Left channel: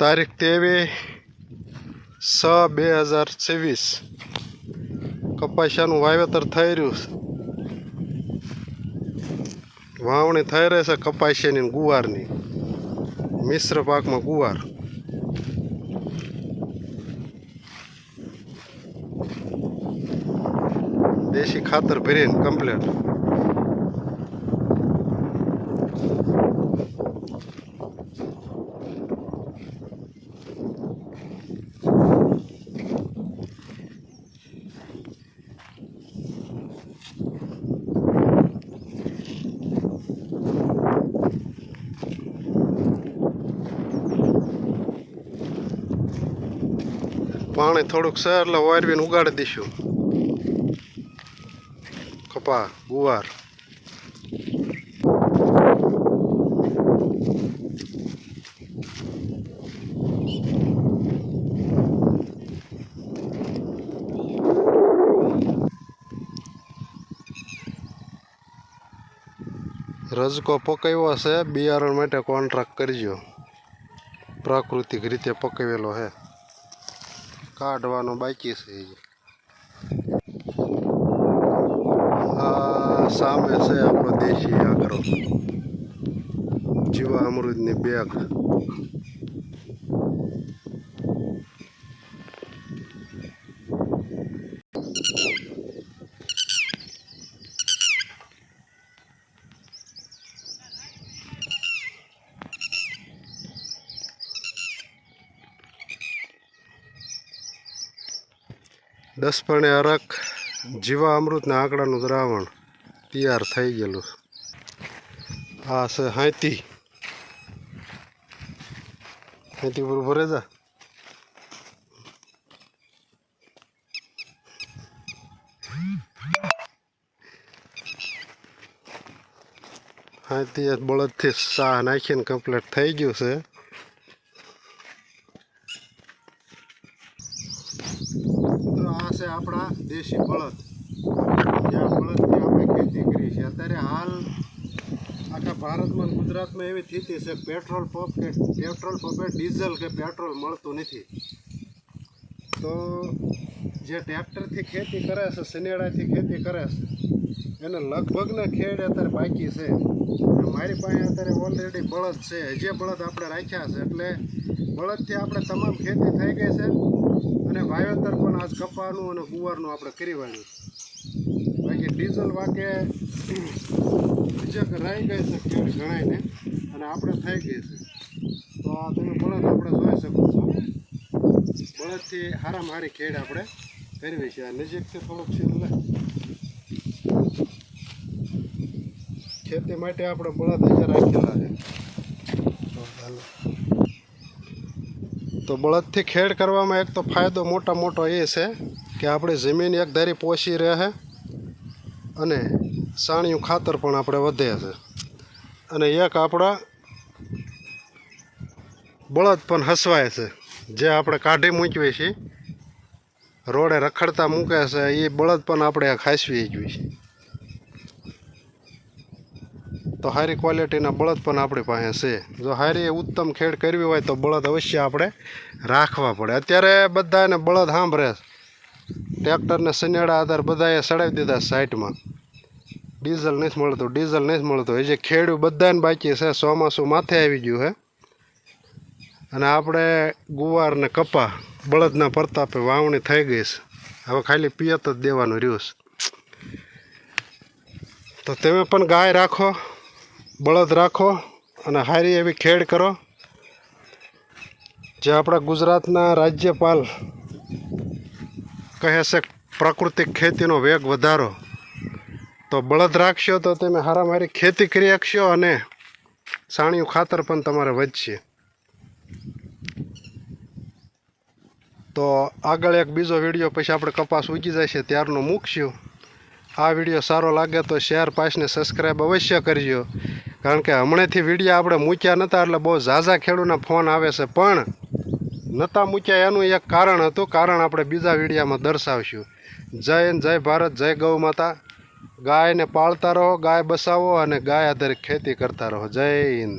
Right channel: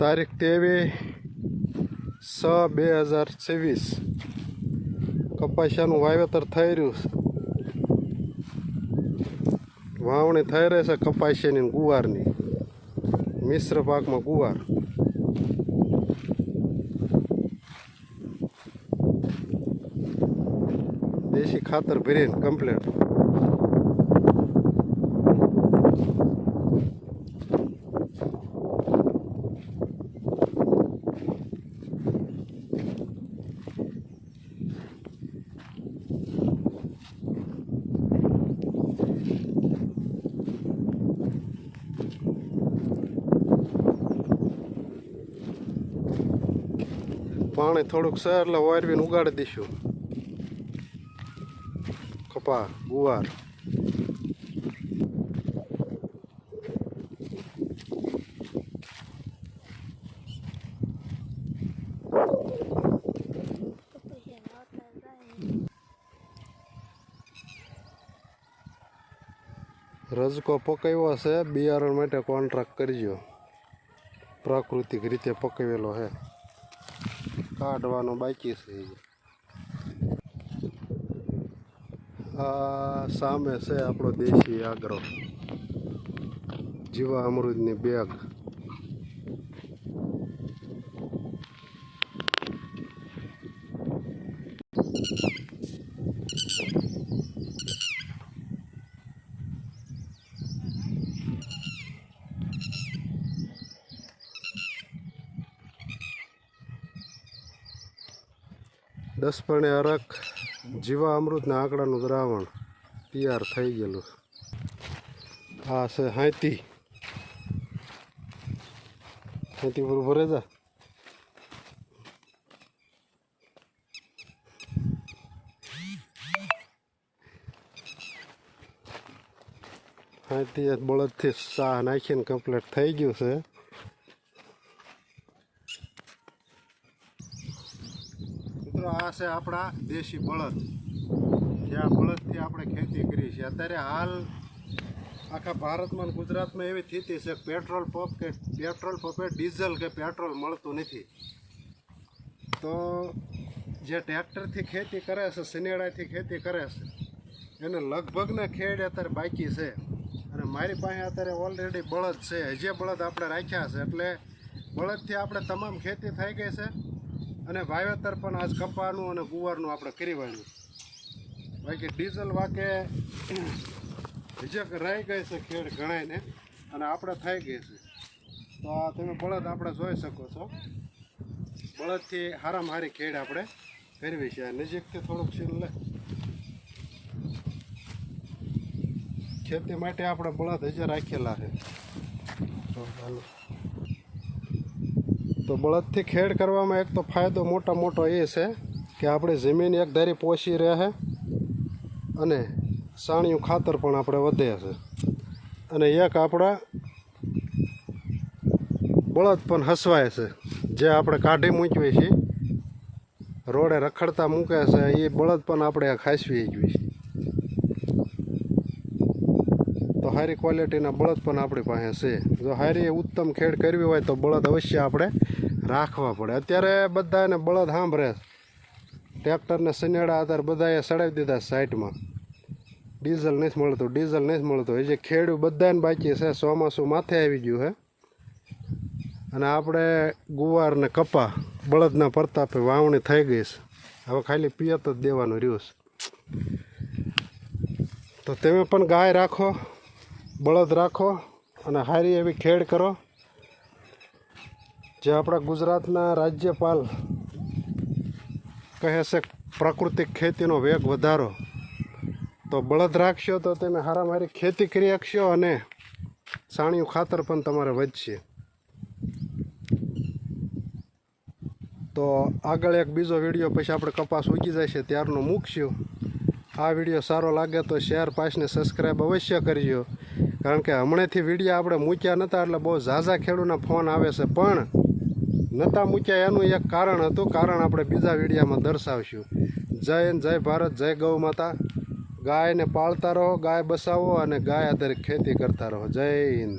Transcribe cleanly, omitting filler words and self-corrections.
તારીખ 23/6/2024 કપાસિયાનું વાવેતર થઈ રહ્યું છે. વાવણી થઈ રહી છે કપાસિયાની ગુવારની, મિશ્ર પાકમાં ગુવાર. દેશી ખાતર ભરીને કમ્પ્લીટ. પાણી થોડુંક છે એટલે વારવીને ઉગાડી દઈશું કપા ગુવાર. રજકો પકાવ્યો છે, બિયારણ માટે કોન્ટ્રાક્ટ કરજો. પ્રાકૃતિક રીતે પકાવેલો છે, કાઢવાનો બાકી છે. આ સામે છે આપણો દેશી આગ્રો જીવા અમૃતની બેગ. દસ પણે અરક જીવા અમૃતના આંકડાનું દ્રાવણ તૈયાર થઈ ગયેલું. આ છે હાથી પર ભરે જા. હાથી બળદથી સાહ નાખીને કમ્પ્લીટ થઈ ગયું છે. આ છે આપણા દેશી બળદ, જ્યાં બળદથી આપણે ખેતી કરી છે. અત્યારે હાલ આખા ભારતમાં ગુજરાતમાં એવી સ્થિતિ છે પેટ્રોલ પંપે ડીઝલ કે પેટ્રોલ મળતું નથી. તો જે ટ્રેક્ટરથી ખેતી કરે છે, શનેડાથી ખેતી કરે છે, એને લગભગના ખેડ અત્યારે બાકી છે. મારી પાસે અત્યારે ઓલરેડી બળદ છે, હજી બળદ આપણે રાખ્યા છે. એટલે બળદથી આપણે તમામ ખેતી થઈ ગઈ છે અને વાવેતર પણ આજ કપાનું અને ગુવારનું આપણે કરી વાળ્યું. બાકી ડીઝલ વાકે બીજે રહી ગઈ છે ખેડ ગણાઈને, અને આપણે થઈ ગઈ છે. તો આ તમે બળદ આપણે જોઈ શકો છો. બળદથી હારામાં હારી ખેડ આપણે કરવી છે. નજીકથી થોડુંક સીન લે. ખેતી માટે આપણે બળદ હજી રાખેલા છે. તો બળદથી ખેડ કરવામાં એક તો ફાયદો મોટો એ છે કે આપણી જમીન એક ધારી પોષી રહે અને સાણિયું ખાતર પણ આપણે વધે છે. અને એક આપણા બળદ પણ હસવાય છે, જે આપણે કાઢી મૂકીએ છીએ, રોડે રખડતા મૂકે છે, એ બળદ પણ આપણે ખાસવી જોઈએ. તો સારી ક્વોલિટીના બળદ પણ આપણી પાસે છે. જો સારી ઉત્તમ ખેડ કરવી હોય તો બળદ અવશ્ય આપણે રાખવા પડે. અત્યારે બધાને બળદ સાંભળે, ટ્રેક્ટરને શનેડા આધાર બધાએ સડાવી દીધા સાઈડમાં. ડીઝલ નથી મળતું. હજી ખેડૂત બધાને બાકી છે. ચોમાસું માથે આવી ગયું છે અને આપણે ગુવાર ને કપા બળદના પ્રતાપે વાવણી થઈ ગઈ છે. હવે ખાલી પિયત જ દેવાનું રહ્યું છે. તો તમે પણ ગાય રાખો, બળદ રાખો અને સારી એવી ખેડ કરો. જે આપણા ગુજરાતના રાજ્યપાલ કહે છે પ્રાકૃતિક ખેતીનો વેગ વધારો. તો બળદ રાખશો તો તમે હારામાં હારી ખેતી કરી શકશો અને સાણિયું ખાતર પણ તમારે વધશે. તો આગળ એક બીજો વિડીયો પછી આપણે કપાસ ઉગી જશે ત્યારનો મૂકશું. આ વિડીયો સારો લાગે તો શેર, પાસને સબસ્ક્રાઈબ અવશ્ય કરજો. કારણ કે હમણાંથી વિડીયો આપણે મૂક્યા નહોતા એટલે બહુ ઝાઝા ખેડૂતના ફોન આવે છે, પણ નહોતા મૂક્યા એનું એક કારણ હતું. કારણ આપણે બીજા વિડીયામાં દર્શાવશું. જય હિન્દ, જય ભારત, જય ગૌ માતા. ગાયને પાળતા રહો, ગાય બસાવો અને ગાય આધારિત ખેતી કરતા રહો. જય હિન્દ.